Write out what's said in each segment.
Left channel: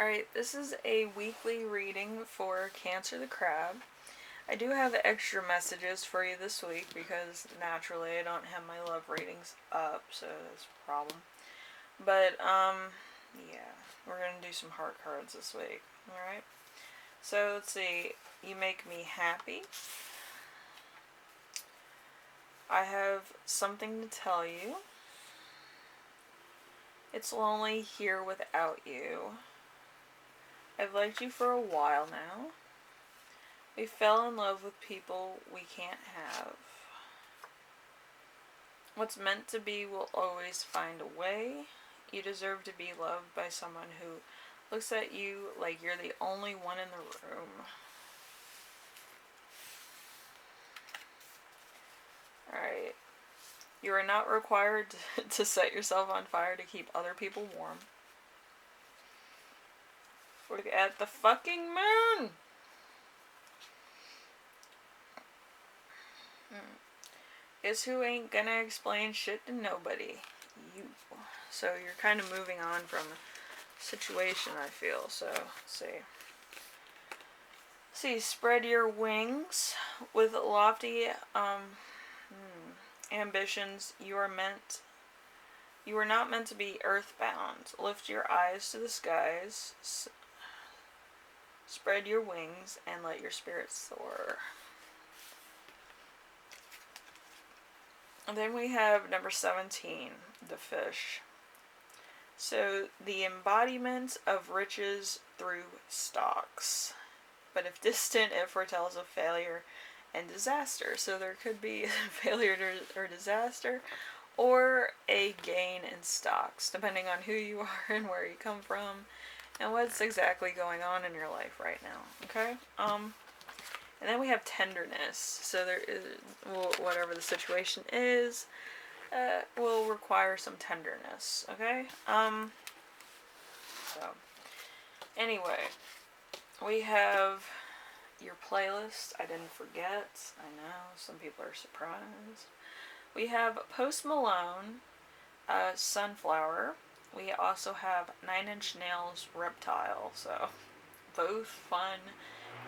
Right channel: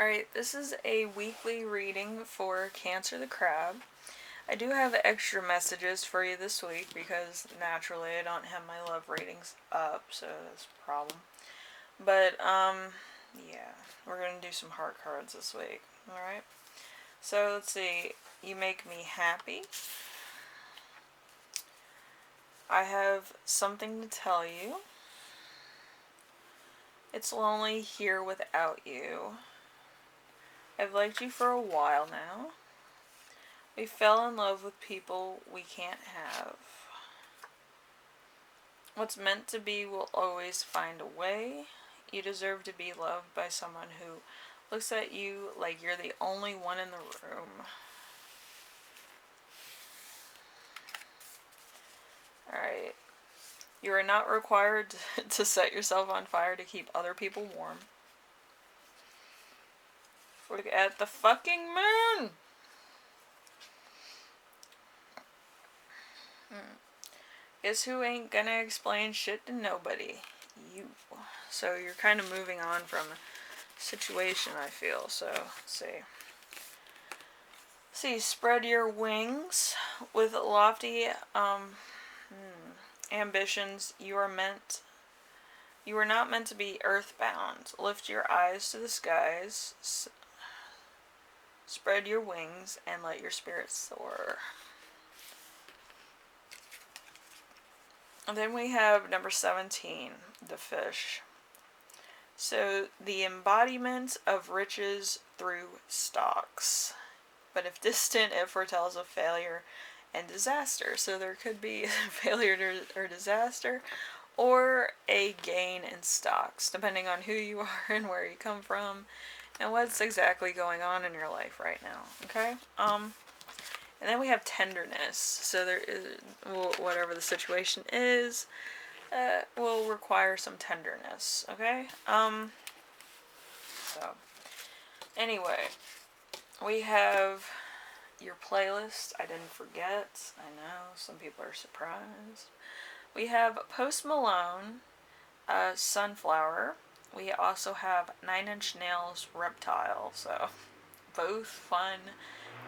Alright, this is a weekly reading for Cancer the Crab. I do have extra messages for you this week because naturally I don't have my love readings up, so that's a problem. But, yeah, we're going to do some heart cards this week. Alright? So, let's see. You make me happy. I have something to tell you. It's lonely here without you. I've liked you for a while now. We fell in love with people we can't have. What's meant to be will always find a way. You deserve to be loved by someone who looks at you like you're the only one in the room. Alright. You are not required to set yourself on fire to keep other people warm. Look at the fucking moon! Guess who ain't gonna explain shit to nobody? You. So you're kind of moving on from a situation, I feel. So, let's see. Spread your wings with lofty ambitions. You are not meant to be earthbound. Lift your eyes to the skies. Spread your wings and let your spirit soar. And then we have number 17, the fish. So, the embodiment of riches through stalks. But if distant, it foretells of failure and disaster. So there could be failure or disaster, or a gain in stocks, depending on who you are and where you come from, and what's exactly going on in your life right now. Okay? And then we have tenderness. So there is, whatever the situation is, will require some tenderness. Okay? So, anyway, we have your playlist. I didn't forget. I know, some people are surprised. We have Post Malone, Sunflower. We also have 9 Inch Nails, Reptile. So, both fun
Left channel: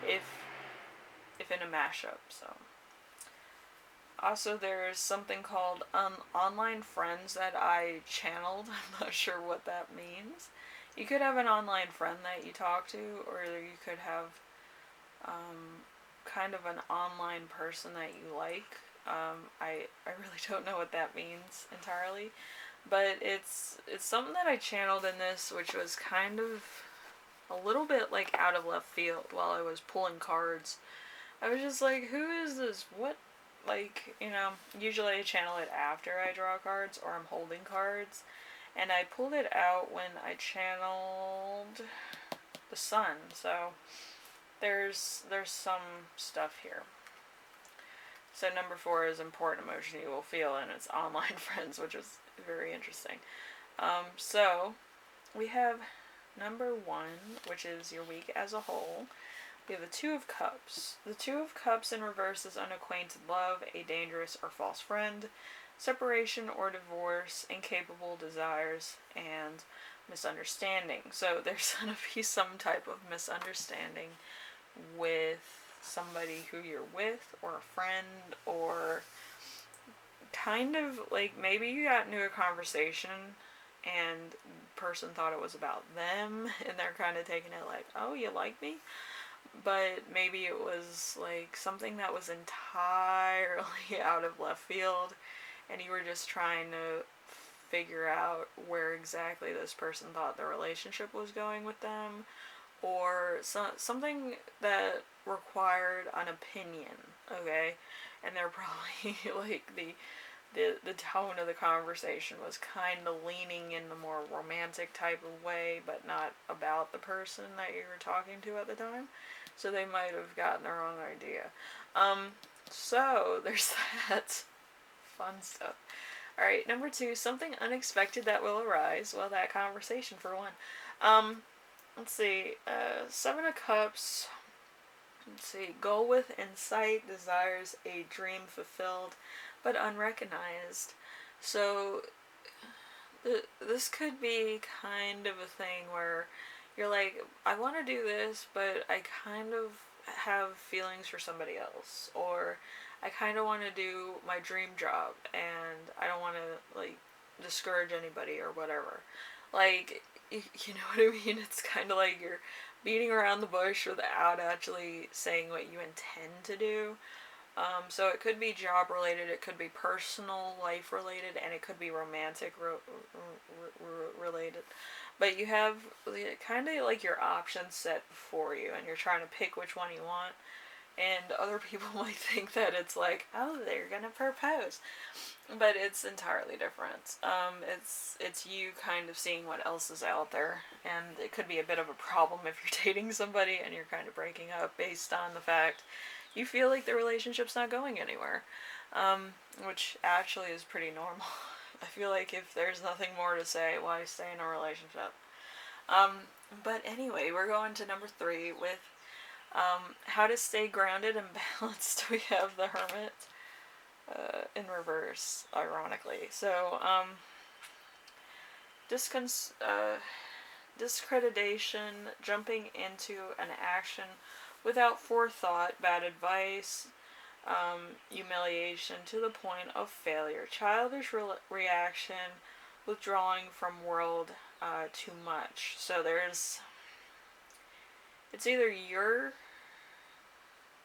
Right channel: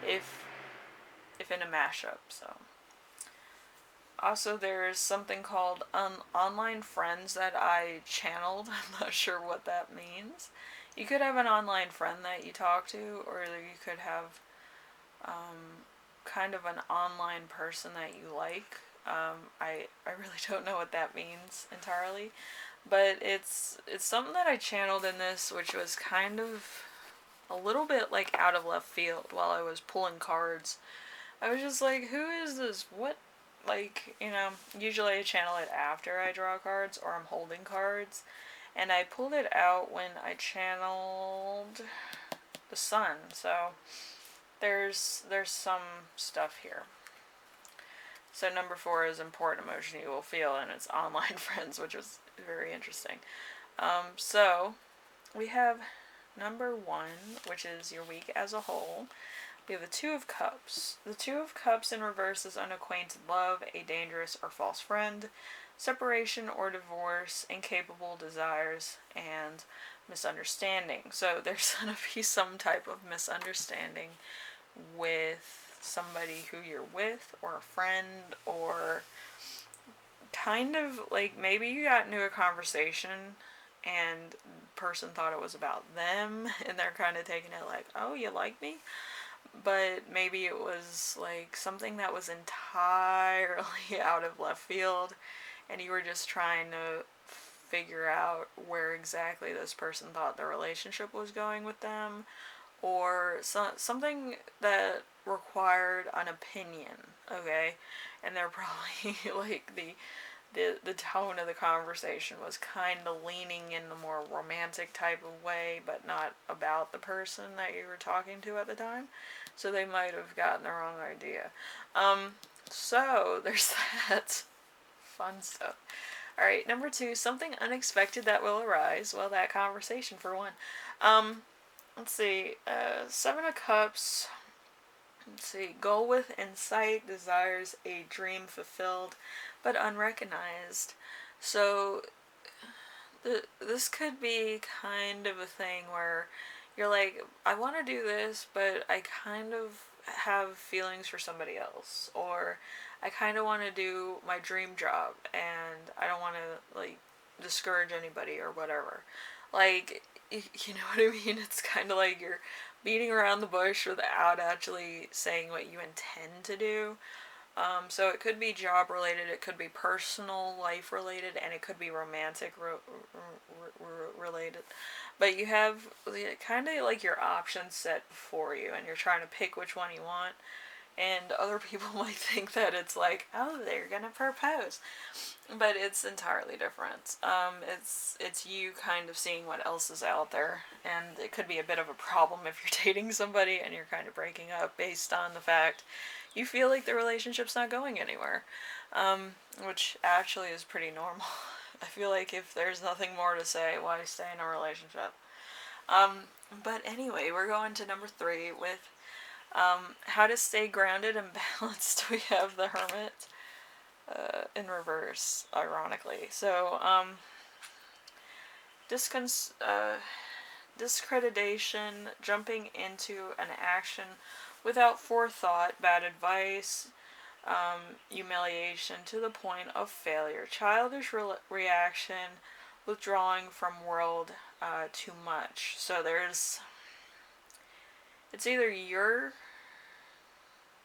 if in a mashup. So, also there's something called online friends that I channeled. I'm not sure what that means. You could have an online friend that you talk to, or you could have kind of an online person that you like. I really don't know what that means entirely, but it's something that I channeled in this, which was kind of a little bit like out of left field while I was pulling cards. I was just like, who is this? What? Like, usually I channel it after I draw cards or I'm holding cards. And I pulled it out when I channeled the sun. So there's some stuff here. So number 4 is important emotion you will feel, and it's online friends, which is very interesting. So we have number 1, which is your week as a whole. We have the 2 of Cups. The 2 of Cups in reverse is unacquainted love, a dangerous or false friend, separation or divorce, incapable desires, and misunderstanding. So there's going to be some type of misunderstanding with somebody who you're with, or a friend, or kind of like maybe you got into a conversation and the person thought it was about them and they're kind of taking it like, oh, you like me? But maybe it was like something that was entirely out of left field, and you were just trying to figure out where exactly this person thought the relationship was going with them, or something that required an opinion, okay? And they're probably like the tone of the conversation was kind of leaning in the more romantic type of way, but not about the person that you were talking to at the time. So they might have gotten the wrong idea. So there's that. Fun stuff. Alright, number 2, something unexpected that will arise. Well, that conversation for one. Let's see. 7 of Cups. Let's see. Goal with insight, desires a dream fulfilled, but unrecognized. So this could be kind of a thing where you're like, I want to do this, but I kind of have feelings for somebody else, or I kind of want to do my dream job, and I don't want to, like, discourage anybody or whatever. Like, you know what I mean? It's kind of like you're beating around the bush without actually saying what you intend to do. So it could be job related, it could be personal life related, and it could be romantic related. But you have kind of like your options set before you, and you're trying to pick which one you want. And other people might think that it's like, oh, they're gonna propose, but it's entirely different. It's you kind of seeing what else is out there, and it could be a bit of a problem if you're dating somebody and you're kind of breaking up based on the fact you feel like the relationship's not going anywhere, which actually is pretty normal. I feel like if there's nothing more to say, why stay in a relationship? Um, but anyway, we're going to number 3 with how to stay grounded and balanced. We have the Hermit in reverse, ironically. So, discreditation, jumping into an action without forethought, bad advice, humiliation to the point of failure, childish reaction, withdrawing from world too much. So it's either you're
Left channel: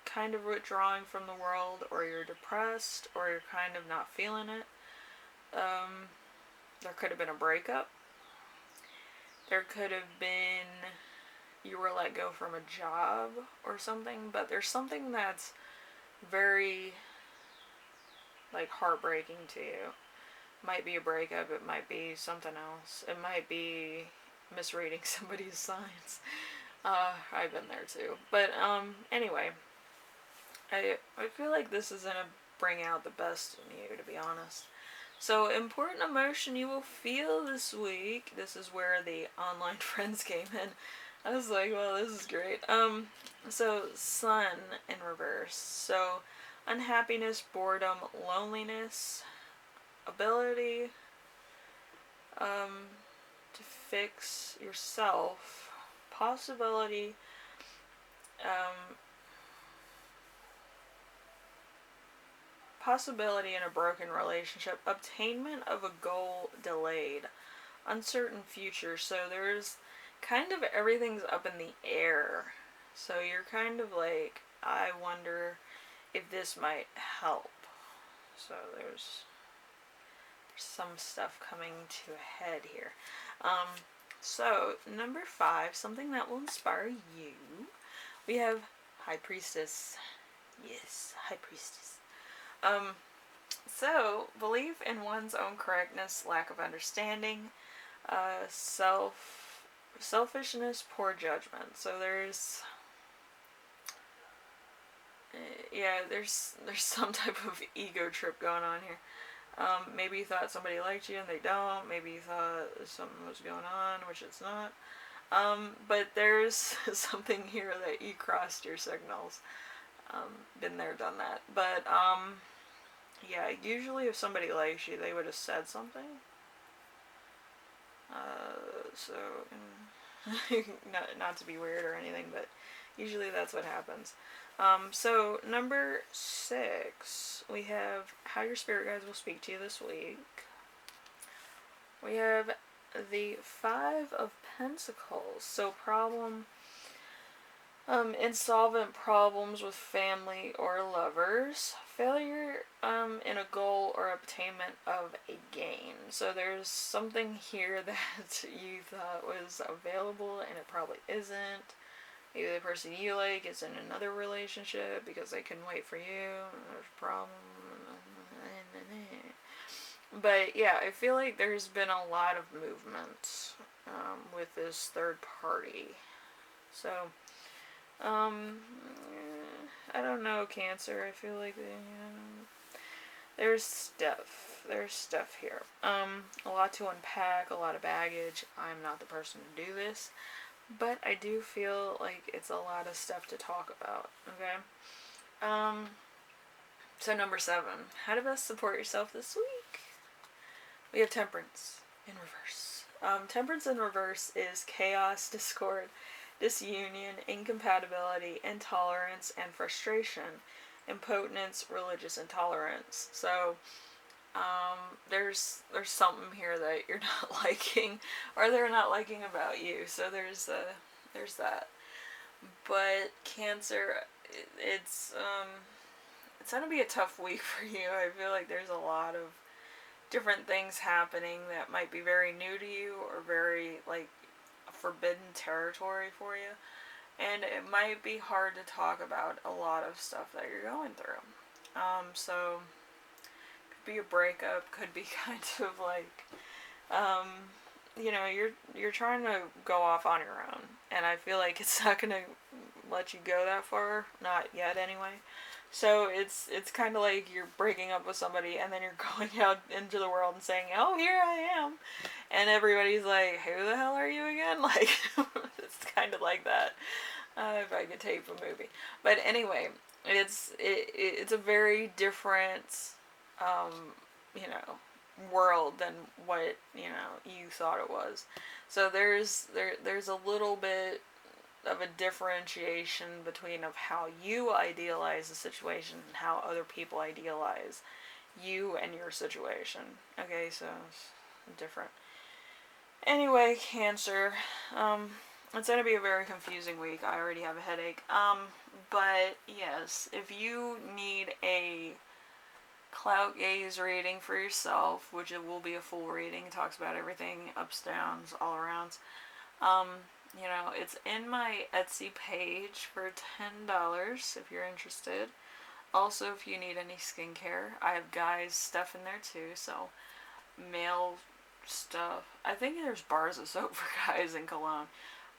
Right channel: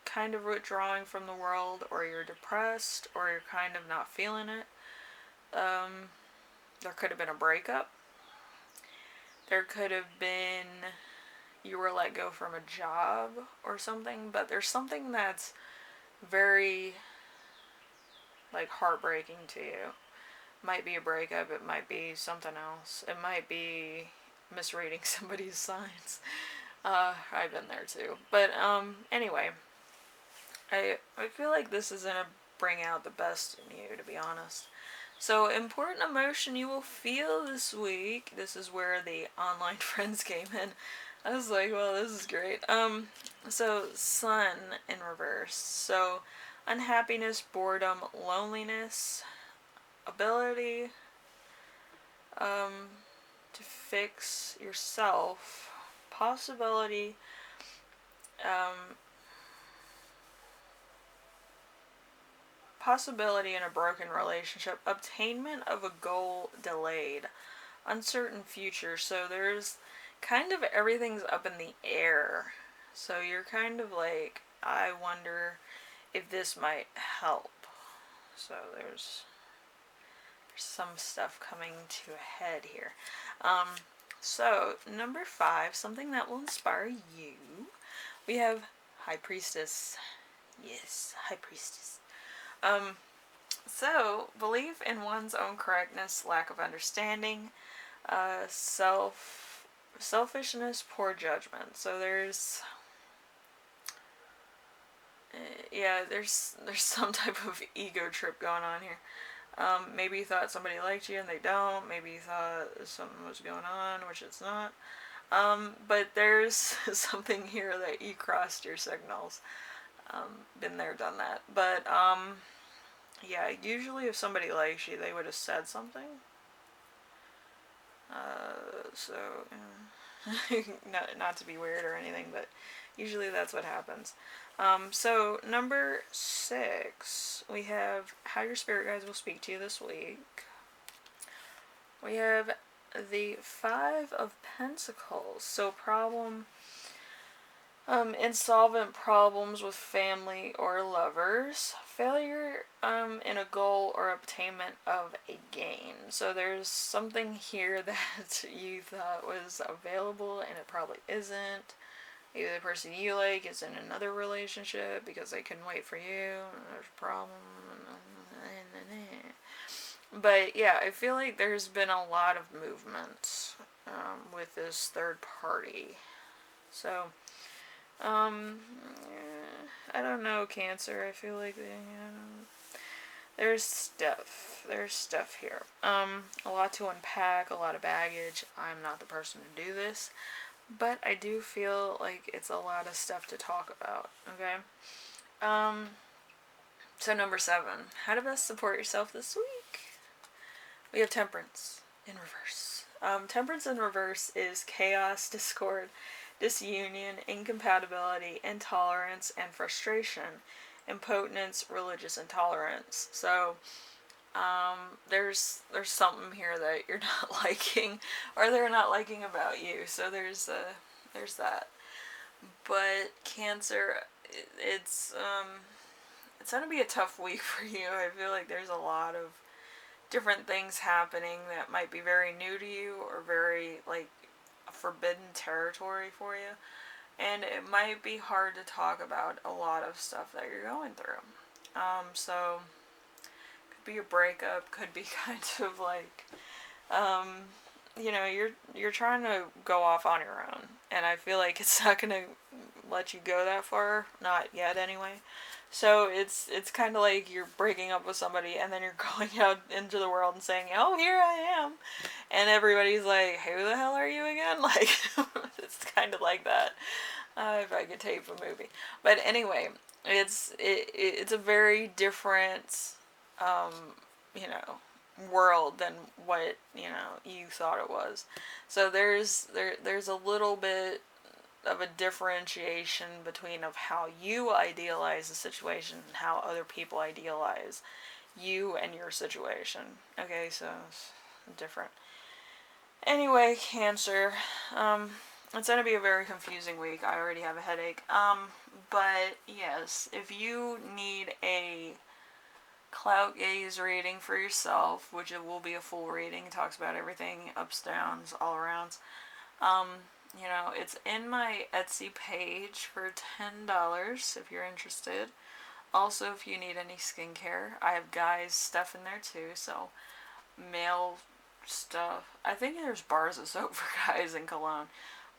kind of withdrawing from the world, or you're depressed, or you're kind of not feeling it. There could have been a breakup. There could have been you were let go from a job or something, but there's something that's very, like, heartbreaking to you. It might be a breakup, it might be something else. It might be misreading somebody's signs. I've been there too. But anyway, I feel like this is gonna bring out the best in you, to be honest. So, important emotion you will feel this week. This is where the online friends came in. I was like, well, this is great. So Sun in reverse. So, unhappiness, boredom, loneliness, ability to fix yourself, possibility, possibility in a broken relationship, obtainment of a goal delayed, uncertain future. So there's kind of everything's up in the air. So you're kind of like, I wonder if this might help. So there's some stuff coming to a head here. So number 5, something that will inspire you. We have High Priestess. Yes, High Priestess. So, belief in one's own correctness, lack of understanding, selfishness, poor judgment. So there's some type of ego trip going on here. Maybe you thought somebody liked you and they don't. Maybe you thought something was going on, which it's not. But there's something here that you crossed your signals. Been there, done that. But yeah, usually if somebody likes you, they would have said something. So, not to be weird or anything, but usually that's what happens. So number 6, we have how your spirit guides will speak to you this week. We have the 5 of Pentacles. So insolvent problems with family or lovers, failure in a goal or obtainment of a gain. So there's something here that you thought was available and it probably isn't. Maybe the person you like is in another relationship because they couldn't wait for you. There's a problem. But yeah, I feel like there's been a lot of movement with this third party. So I don't know, Cancer. I feel like there's stuff here. A lot to unpack, a lot of baggage. I'm not the person to do this, but I do feel like it's a lot of stuff to talk about. Okay. So number 7, how to best support yourself this week. We have Temperance in reverse. Temperance in reverse is chaos, discord, disunion, incompatibility, intolerance, and frustration. Impotence, religious intolerance. So, there's something here that you're not liking, or they're not liking about you. So there's that. But Cancer, it's gonna be a tough week for you. I feel like there's a lot of different things happening that might be very new to you or very like forbidden territory for you. And it might be hard to talk about a lot of stuff that you're going through. So could be a breakup, could be kind of like, you're trying to go off on your own, and I feel like it's not gonna let you go that far, not yet anyway. So it's kind of like you're breaking up with somebody, and then you're going out into the world and saying, "Oh, here I am," and everybody's like, "Who the hell are you again?" Like, it's kind of like that. If I could tape a movie, but anyway, it's a very different, um, you know, world than what you thought it was. So there's a little bit of a differentiation between of how you idealize the situation and how other people idealize you and your situation. Okay, so it's different. Anyway, Cancer. It's gonna be a very confusing week. I already have a headache. But yes, if you need a clout gaze reading for yourself, which it will be a full reading, it talks about everything, ups, downs, all arounds. It's in my Etsy page for $10 if you're interested. Also, if you need any skincare, I have guys stuff in there too, so male stuff. I think there's bars of soap for guys and cologne.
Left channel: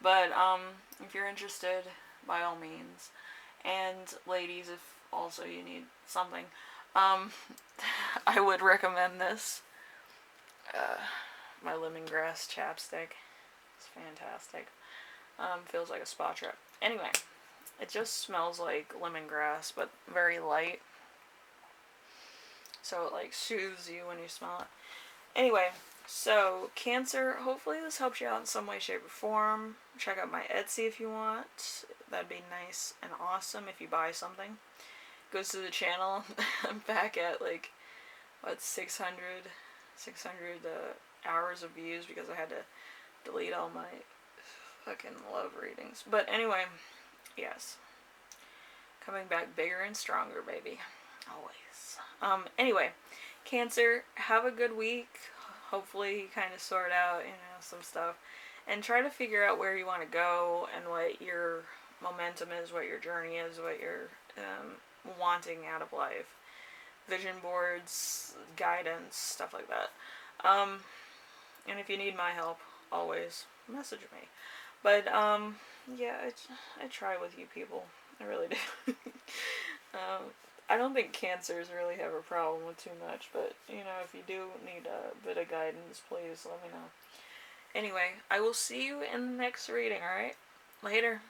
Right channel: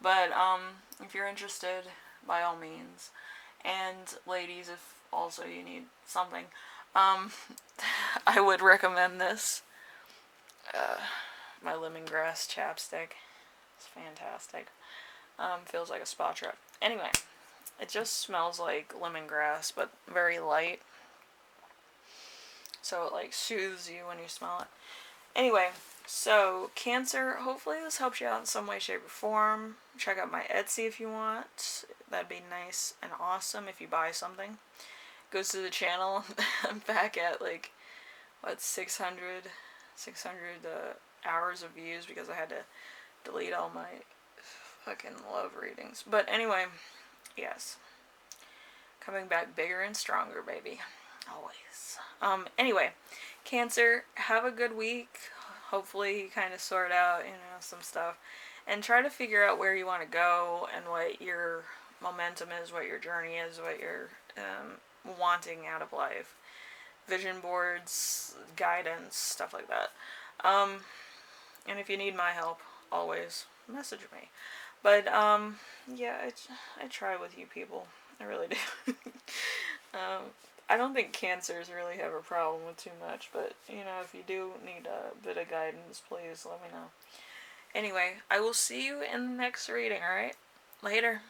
But if you're interested, by all means. And ladies, if also you need something, I would recommend this. My lemongrass chapstick. It's fantastic. Feels like a spa trip. Anyway, it just smells like lemongrass, but very light. So it like soothes you when you smell it. Anyway, so Cancer, hopefully this helps you out in some way, shape, or form. Check out my Etsy if you want. That'd be nice and awesome if you buy something. Goes to the channel. I'm back at 600 hours of views because I had to delete all my fucking love readings. But anyway, yes. Coming back bigger and stronger, baby. Always. Anyway, Cancer, have a good week. Hopefully you kind of sort out, some stuff. And try to figure out where you want to go and what your momentum is, what your journey is, what you're wanting out of life. Vision boards, guidance, stuff like that. And if you need my help, always message me. But, yeah, I try with you people. I really do. I don't think Cancers really have a problem with too much, but, if you do need a bit of guidance, please let me know. Anyway, I will see you in the next reading, alright? Later.